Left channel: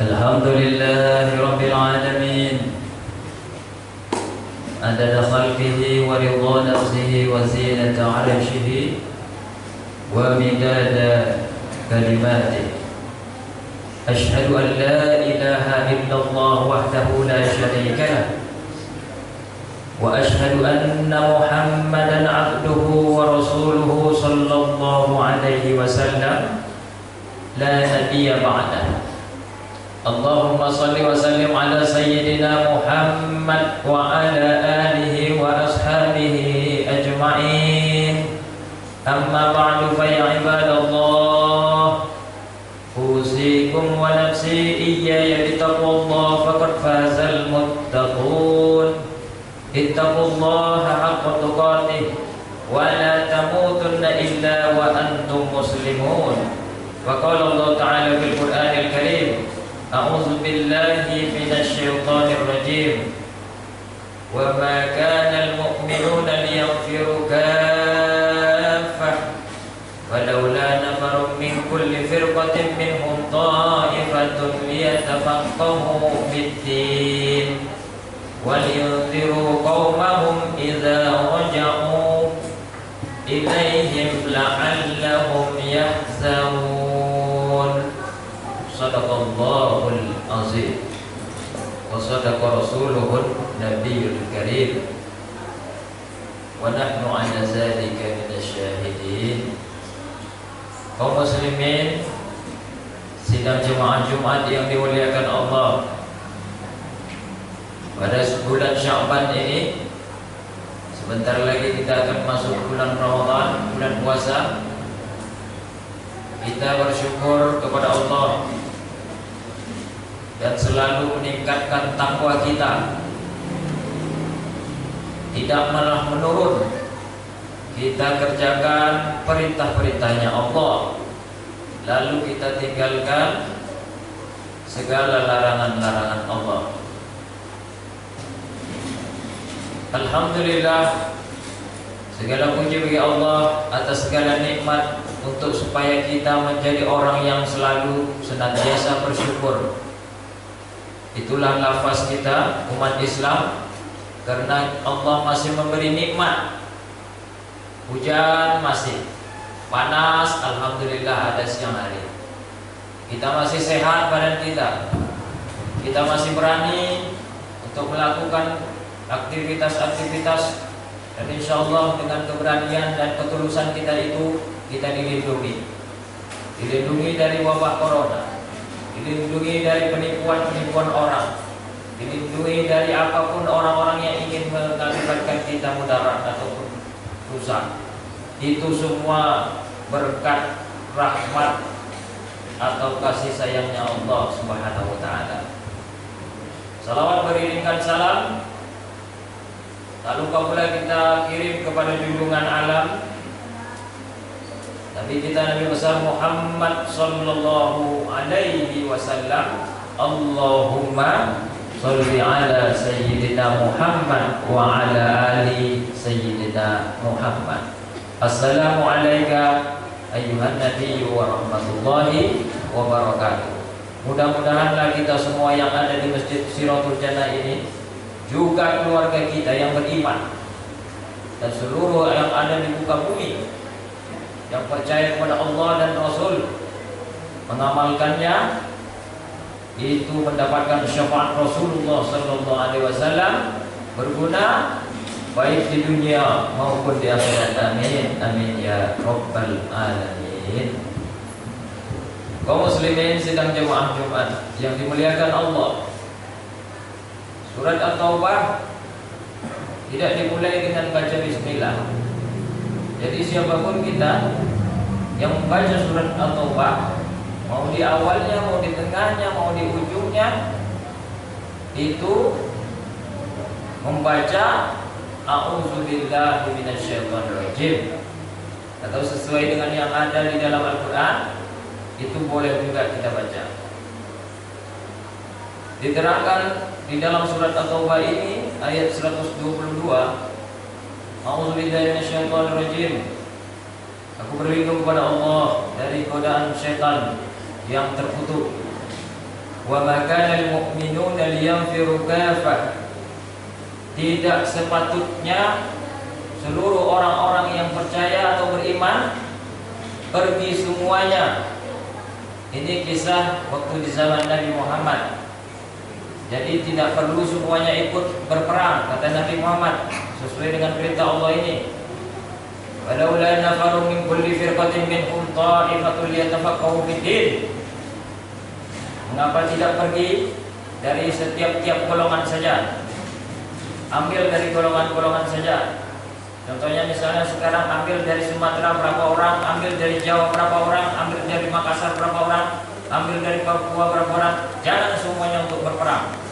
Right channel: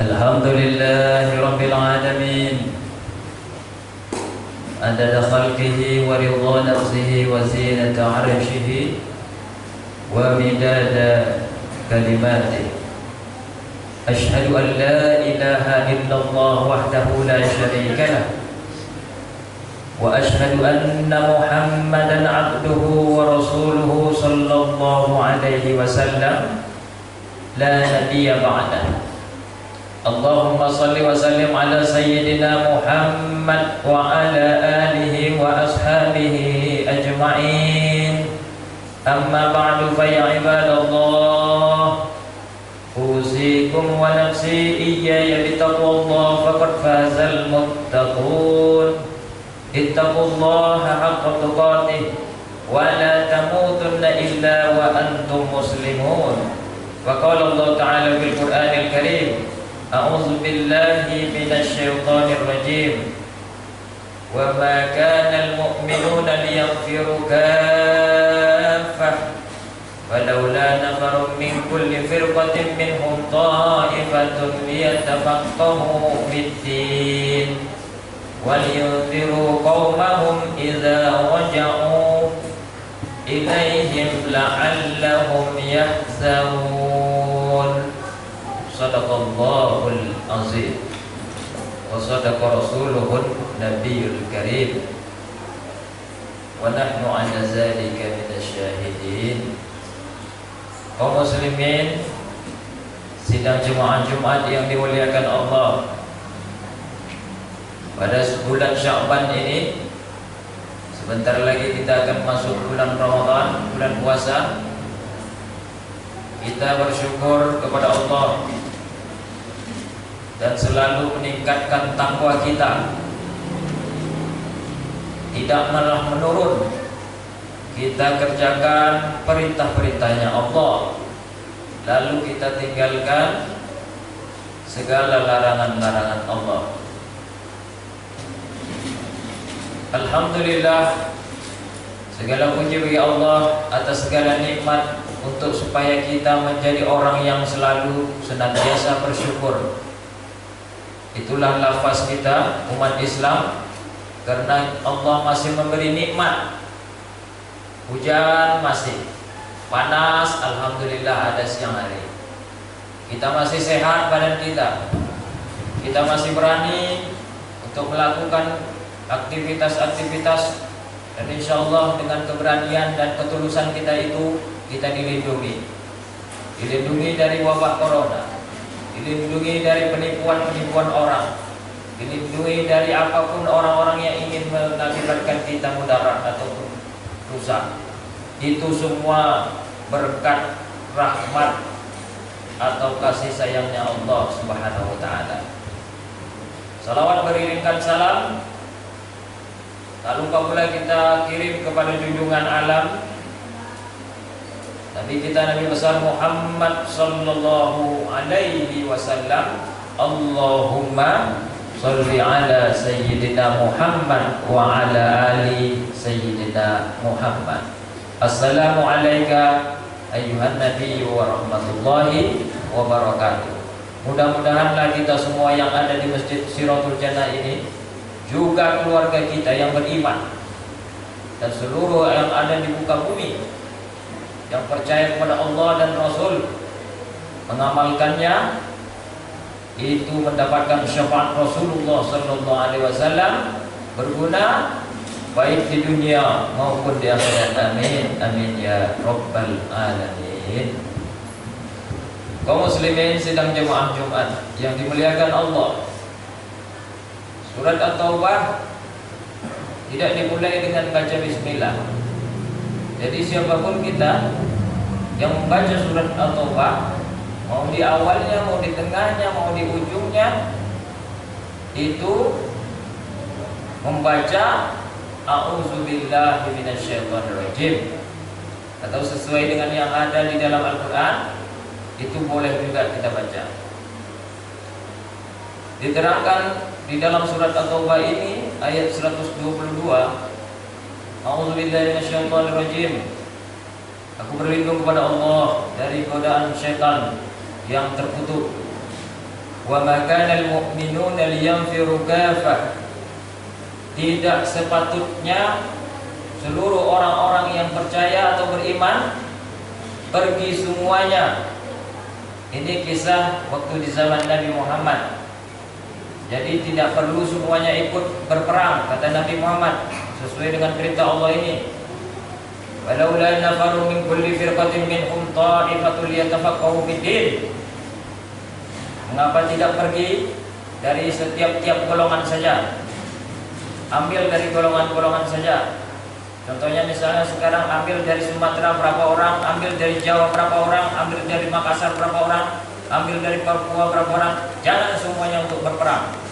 الحمد لله رب العالمين عدد خلقه ورضا نفسه وزينة عرشه ومداد كلماته. أشهد أن لا إله إلا الله وحده لا شريك له، وأشهد أن محمدا عبده ورسوله صلى الله عليه وسلم لا نبي بعده. اللهم صل وسلم على سيدنا محمد وعلى آله وأصحابه أجمعين. أما بعد فيا عباد الله، أوصيكم ونفسي إياي بتقوى الله فقد فاز المتقون. اتقوا الله حق تقاته ولا تموتن إلا وأنتم مسلمون. وقال الله تعالى في القرآن الكريم: أعوذ بالله من الشيطان الرجيم. وما كان المؤمنون ليغفروا كافة ولولا نفر من كل فرقة منهم طائفة ليتفقهوا في الدين ولينذروا قومهم إذا رجعوا إليهم لعلهم يحذرون. Sadaqallahul azim wa sadaqa rasuluhun nabiyul karim wa nahnu ala zalika minasyahidin. Kaum muslimin, sidang jemaah Jumat yang dimuliakan Allah, pada bulan Sya'ban ini sebentar lagi kita akan masuk bulan Ramadan, bulan puasa. Kita bersyukur kepada Allah dan selalu meningkatkan takwa kita, tidak malah menurun. Kita kerjakan perintah-perintahnya Allah, lalu kita tinggalkan segala larangan-larangan Allah. Alhamdulillah, segala puji bagi Allah atas segala nikmat, untuk supaya kita menjadi orang yang selalu senantiasa bersyukur. Itulah lafaz kita umat Islam, karena Allah masih memberi nikmat. Hujan masih, panas alhamdulillah ada siang hari. Kita masih sehat badan kita. Kita masih berani untuk melakukan aktivitas-aktivitas, dan insya Allah dengan keberanian dan ketulusan kita itu kita dilindungi dari wabah corona, dilindungi dari penipuan-penipuan orang, dilindungi dari apapun orang-orang yang ingin mengakibatkan kita mudarat ataupun rusak. Itu semua berkat rahmat atau kasih sayangnya Allah Subhanahu wa taala. Salawat beriringkan salam tak lupa pula kita kirim kepada junjungan alam Nabi kita, Nabi besar Muhammad sallallahu alaihi wasallam. Allahumma sholli ala sayyidina Muhammad wa ala ali sayyidina Muhammad. Assalamu alayka ayyuhan nabiyyu wa rahmatullahi wa barakatuh. Mudah-mudahanlah kita semua yang ada di Masjid Siratul Jannah ini, juga keluarga kita yang beriman, dan seluruh yang ada di muka bumi yang percaya kepada Allah dan Rasul, mengamalkannya, itu mendapatkan syafaat Rasulullah sallallahu alaihi wasallam, berguna baik di dunia maupun di akhirat. Amin amin ya rabbal alamin. Kaum muslimin sidang jemaah Jumat yang dimuliakan Allah, surat At-Taubah tidak dimulai dengan baca bismillah. Jadi siapapun kita yang membaca surat At-Taubah, mau di awalnya, mau di tengahnya, mau di ujungnya, itu membaca a'udzubillahi minasyaitonirrajim, atau sesuai dengan yang ada di dalam Al-Quran, itu boleh juga kita baca. Diterangkan di dalam surat At-Taubah ini ayat 122, a'udzubillahi minasyaitonirrajim. Aku berlindung kepada Allah dari godaan syaitan yang terkutuk. Wa ma kana al-mu'minuna liyanfiru kafah. Tidak sepatutnya seluruh orang-orang yang percaya atau beriman pergi semuanya. Ini kisah waktu di zaman Nabi Muhammad. Jadi tidak perlu semuanya ikut berperang, kata Nabi Muhammad, sesuai dengan perintah Allah ini. Walaula nafaru min kulli firqatin minhum ta'ifatun liyatafaqahu fid-din. Mengapa tidak pergi dari setiap-tiap golongan saja? Ambil dari golongan-golongan saja. Contohnya misalnya sekarang ambil dari Sumatera berapa orang, ambil dari Jawa berapa orang, ambil dari Makassar berapa orang, ambil dari Papua berapa orang. Jangan semuanya untuk berperang.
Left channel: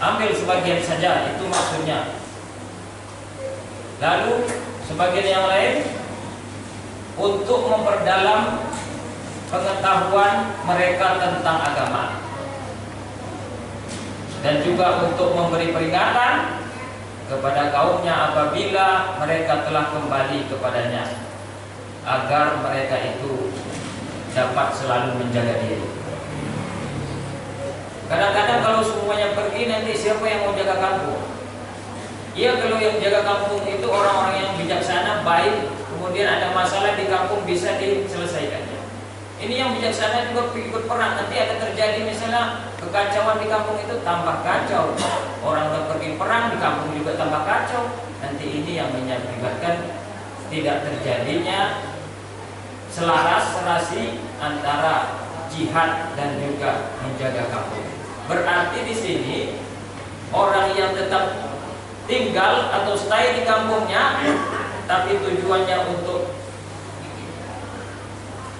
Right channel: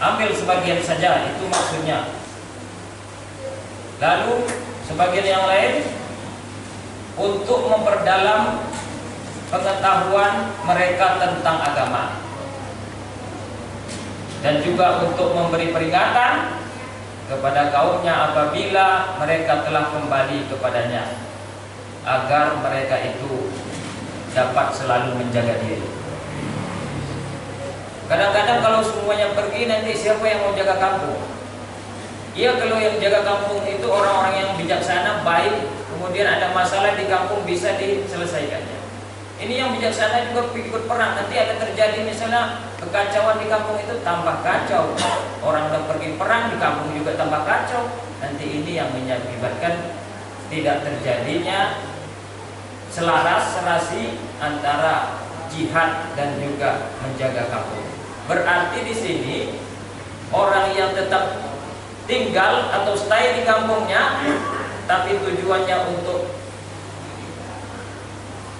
Ambil sebagian saja, itu maksudnya. Lalu sebagian yang lain untuk memperdalam pengetahuan mereka tentang agama, dan juga untuk memberi peringatan kepada kaumnya apabila mereka telah kembali kepadanya, agar mereka itu dapat selalu menjaga diri. Kadang-kadang kalau semuanya pergi, nanti siapa yang mau jaga kampung? Iya, kalau yang jaga kampung itu orang-orang yang bijaksana, baik, kemudian ada masalah di kampung bisa diselesaikannya. Ini yang bijaksana juga ikut perang. Nanti ada terjadi misalnya kekacauan di kampung, itu tambah kacau. Orang udah pergi perang, di kampung juga tambah kacau. Nanti ini yang mengakibatkan tidak terjadinya selaras serasi antara jihad dan juga menjaga kampung. Berarti di sini orang yang tetap tinggal atau stay di kampungnya, tapi tujuannya untuk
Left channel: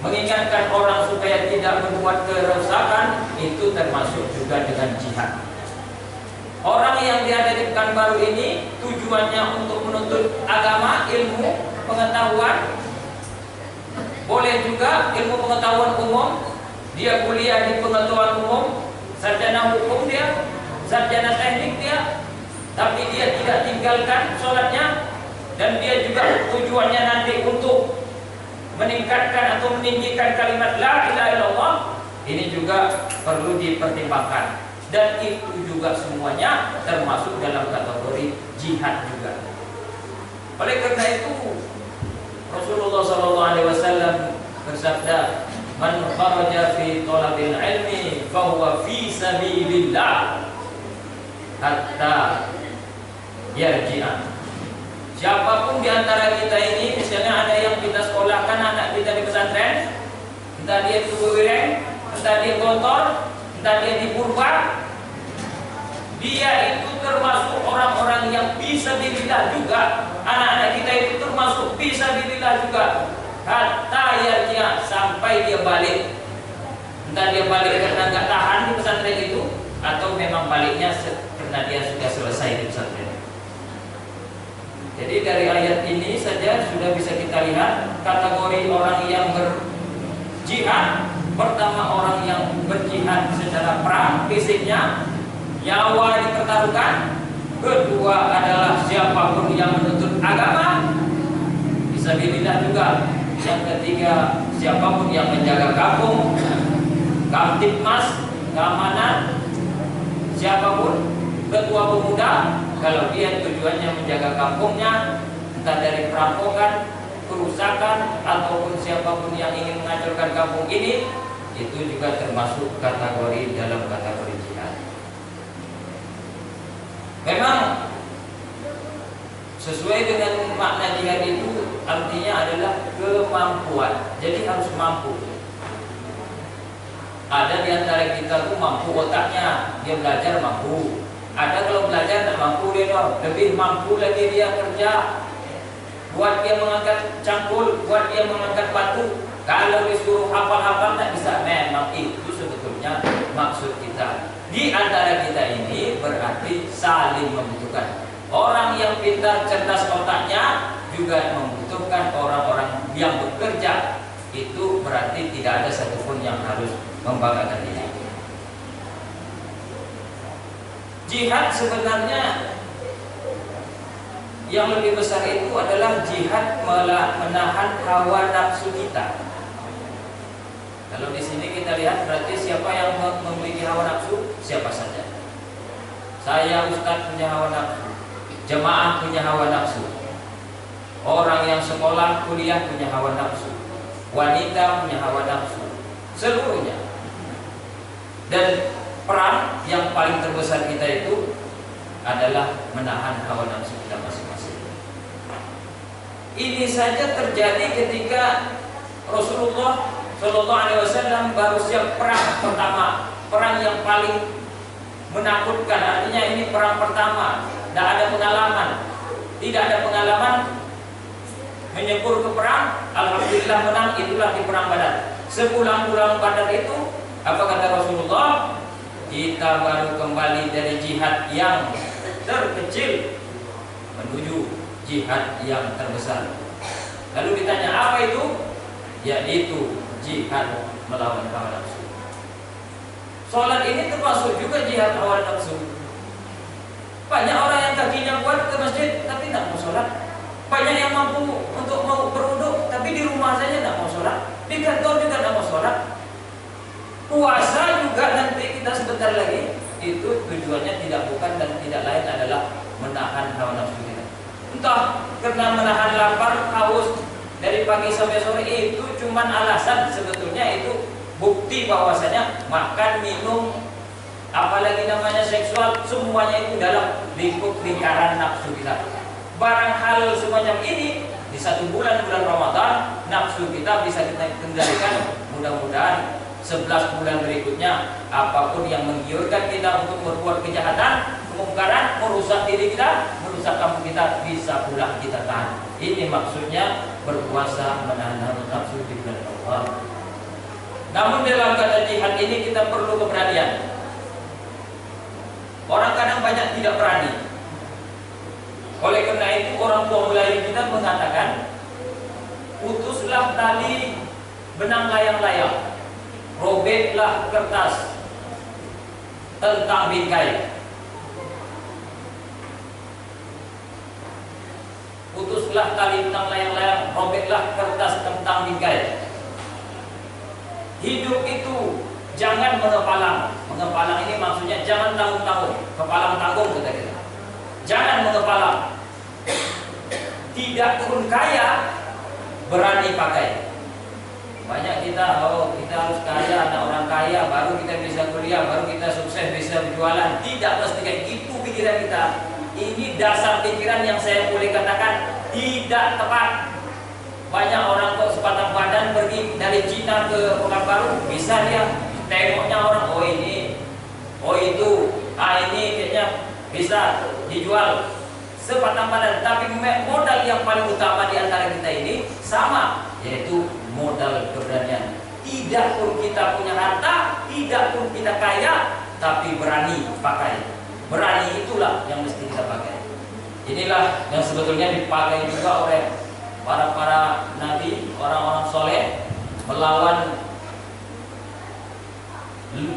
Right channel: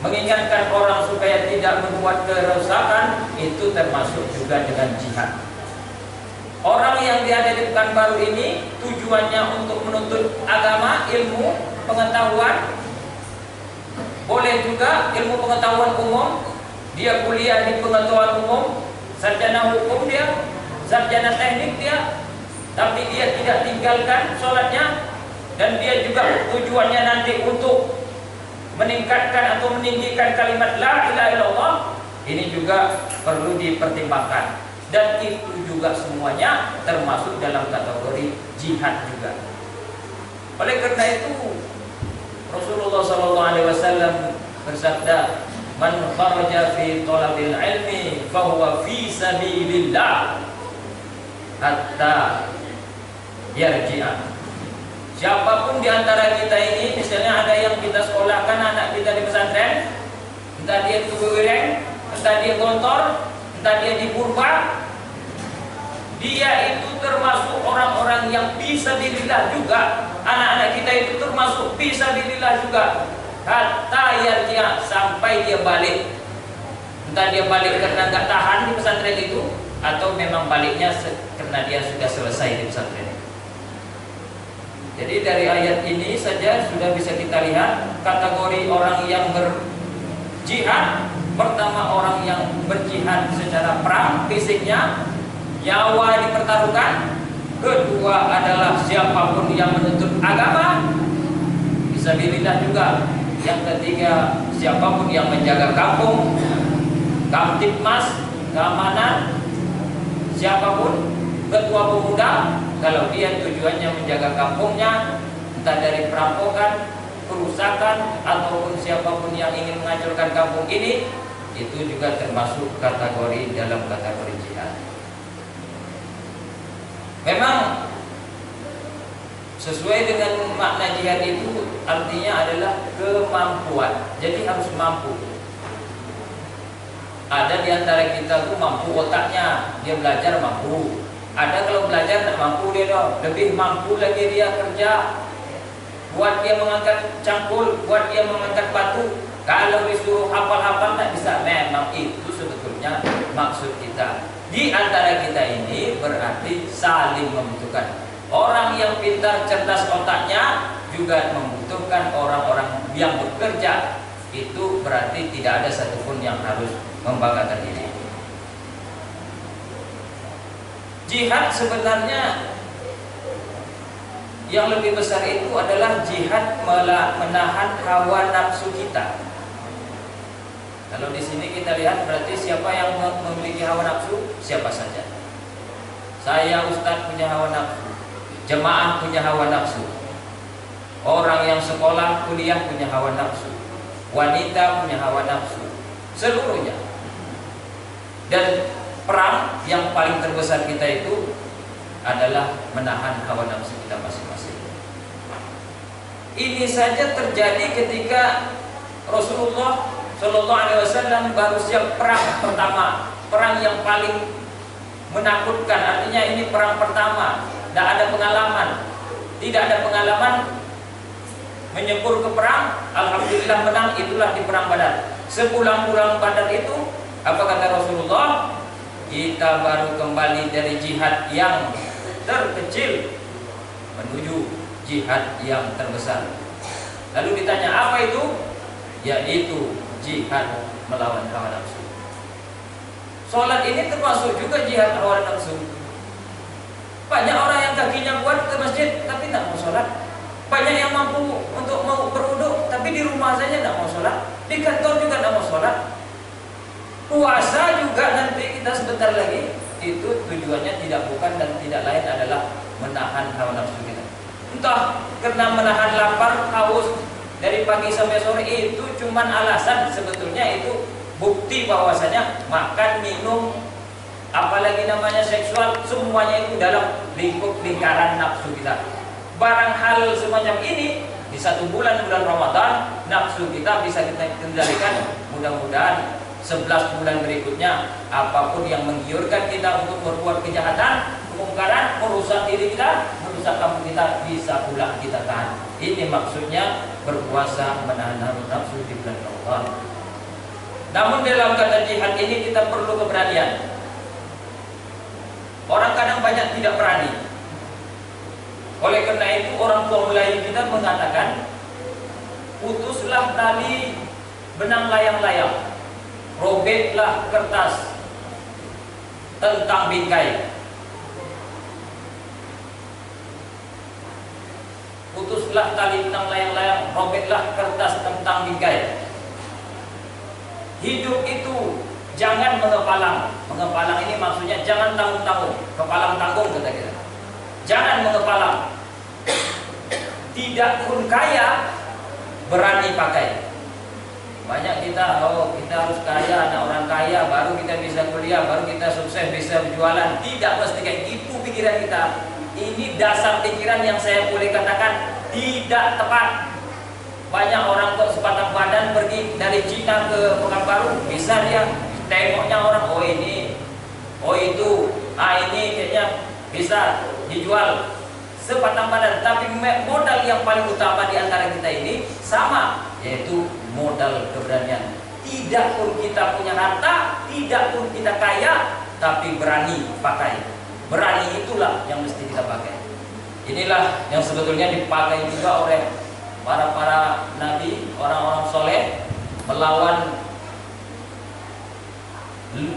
mengingatkan orang supaya tidak berbuat kerusakan, itu termasuk juga dengan jihad. Orang yang diada di Pekanbaru ini tujuannya untuk menuntut agama, ilmu, pengetahuan. Boleh juga ilmu pengetahuan umum. Dia kuliah di pengetahuan umum, sarjana hukum dia, sarjana teknik dia, tapi dia tidak tinggalkan sholatnya. Dan dia juga tujuannya nanti untuk meningkatkan atau meninggikan kalimat la ilaha illallah. Ini juga perlu dipertimbangkan, dan itu juga semuanya termasuk dalam kategori jihad juga. Oleh karena itu Rasulullah SAW bersabda, man kharaja fi talabil ilmi fahuwa fi sabilillah hatta yarji'a. Siapapun di antara kita ini, misalnya ada yang kita sekolahkan anak kita di pesantren, entah dia di Wireng, entah dia Gontor, entah dia di Purba, dia itu termasuk orang-orang yang fisabilillah juga. Anak-anak kita itu termasuk fisabilillah juga. Hatta yarji'a, sampai dia balik. Entah dia balik karena nggak tahan di pesantren itu, atau memang baliknya karena dia sudah selesai di pesantren. Jadi dari ayat ini saja sudah bisa kita lihat kategori orang yang berjihad. Pertama, orang yang berjihad secara perang, fisiknya, nyawa dipertaruhkan. Kedua adalah siapapun yang menuntut agama, fisabilillah juga. Yang ketiga, siapapun yang menjaga kampung, kamtipmas, keamanan, siapapun, ketua pemuda, kalau dia tujuannya menjaga kampungnya, entah dari perampokan, kerusakan, ataupun siapapun yang ingin menghancurkan kampung ini, itu juga termasuk kategori dalam kategori jihad. Memang sesuai dengan makna jihad itu artinya adalah kemampuan. Jadi harus mampu. Ada di antara kita tuh mampu otaknya, dia belajar mampu. Ada kalau belajar tak mampu dia dong, lebih mampu lagi dia kerja. Buat dia mengangkat cangkul, buat dia mengangkat batu. Kalau disuruh hafal-hafal tak bisa. Memang itu sebetulnya maksud kita. Di antara kita ini berarti saling membutuhkan. Orang yang pintar, cerdas otaknya juga membutuhkan orang-orang yang bekerja. Itu berarti tidak ada satupun yang harus membanggakan diri. Jihad sebenarnya yang lebih besar itu adalah jihad menahan hawa nafsu kita. Kalau di sini kita lihat berarti siapa yang memiliki hawa nafsu? Siapa saja. Saya ustaz punya hawa nafsu, jemaah punya hawa nafsu, orang yang sekolah kuliah punya hawa nafsu, wanita punya hawa nafsu, seluruhnya. Dan peran yang paling terbesar kita itu adalah menahan hawa nafsu kita masing-masing. Ini saja terjadi ketika Rasulullah Shallallahu Alaihi Wasallam baru siap perang pertama, perang yang paling menakutkan. Artinya ini perang pertama, tidak ada pengalaman, menyebur ke perang. Alhamdulillah menang, itulah di perang Badar. Sepulang-pulang Badar itu, apa kata Rasulullah? Kita baru kembali dari jihad yang terkecil menuju jihad yang terbesar. Lalu ditanya apa itu? Yaitu jihad melawan hawa nafsu. Sholat ini termasuk juga jihad hawa nafsu. Banyak orang yang kakinya kuat ke masjid tapi tidak mau sholat. Banyak yang mampu untuk mau berwudu tapi di rumah saja tidak mau sholat. Di kantor juga tidak mau sholat. Puasa juga nanti kita sebentar lagi, itu tujuannya bukan dan tidak lain adalah menahan hawa nafsu kita. Entah karena menahan lapar, haus dari pagi sampai sore, itu cuman alasan. Sebetulnya itu bukti bahwasanya makan, minum, apalagi namanya seksual, semuanya itu dalam lingkaran nafsu kita. Barang hal semacam ini di satu bulan Ramadan, nafsu kita bisa kita kendalikan. Mudah-mudahan 11 bulan berikutnya, apapun yang menggiurkan kita untuk berbuat kejahatan, kemungkaran, merusak diri kita, merusak kampung kita, bisa pula kita tahan. Ini maksudnya berpuasa menahan nafsu di bulan Ramadan. Namun dalam kata jihad ini kita perlu keberanian. Orang kadang banyak tidak berani. Oleh karena itu orang tua Melayu kita mengatakan, putuslah tali benang layang-layang, robeklah kertas tentang bingkai. Putuslah tali benang layang-layang, robeklah kertas tentang bingkai. Hidup itu jangan mengepalang. Mengepalang ini maksudnya jangan tanggung-tanggung, kepalang tanggung kata kita. Jangan mengepalang. Tidak pun kaya, berani pakai. Banyak kita, kita harus kaya, anak orang kaya, baru kita bisa kuliah, baru kita sukses, bisa berjualan. Tidak mesti kayak gitu pikiran kita. Ini dasar pikiran yang saya boleh katakan tidak tepat. Banyak orang kok sepatah badan pergi dari Cina ke Pekanbaru, bisa dia tengoknya orang, oh ini, oh itu, ini kayaknya bisa dijual sepatah badan. Tapi modal yang paling utama di antara kita ini sama, yaitu modal keberanian. Tidak pun kita punya harta, tidak pun kita kaya, tapi berani pakai. Berani itulah yang mesti kita pakai. Inilah yang sebetulnya dipakai juga oleh para nabi, orang-orang soleh, melawan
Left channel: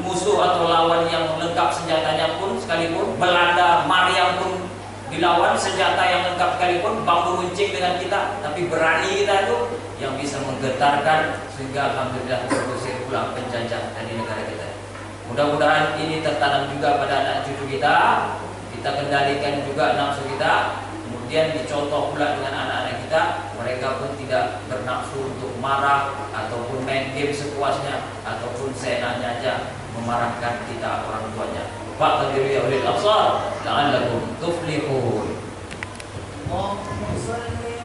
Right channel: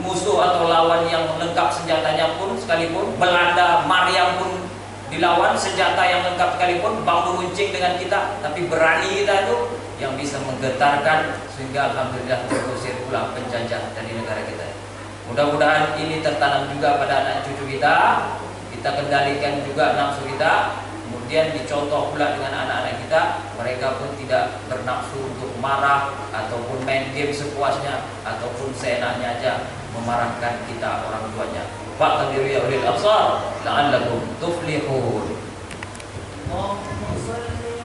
musuh atau lawan yang lengkap senjatanya pun sekalipun. Belanda, Maryam pun dilawan, senjata yang lengkap sekalipun, bambu runcing dengan kita, tapi berani kita itu yang bisa menggetarkan sehingga alhamdulillah terusir pulang penjajah dari negara kita. Mudah-mudahan ini tertanam juga pada anak cucu kita kendalikan juga nafsu kita, kemudian dicontoh pula dengan anak-anak kita. Mereka pun tidak bernafsu untuk marah ataupun main game sepuasnya ataupun seenaknya aja memarahkan kita orang tuanya. Faqdiru ya ulil absar la'allakum tuflihun.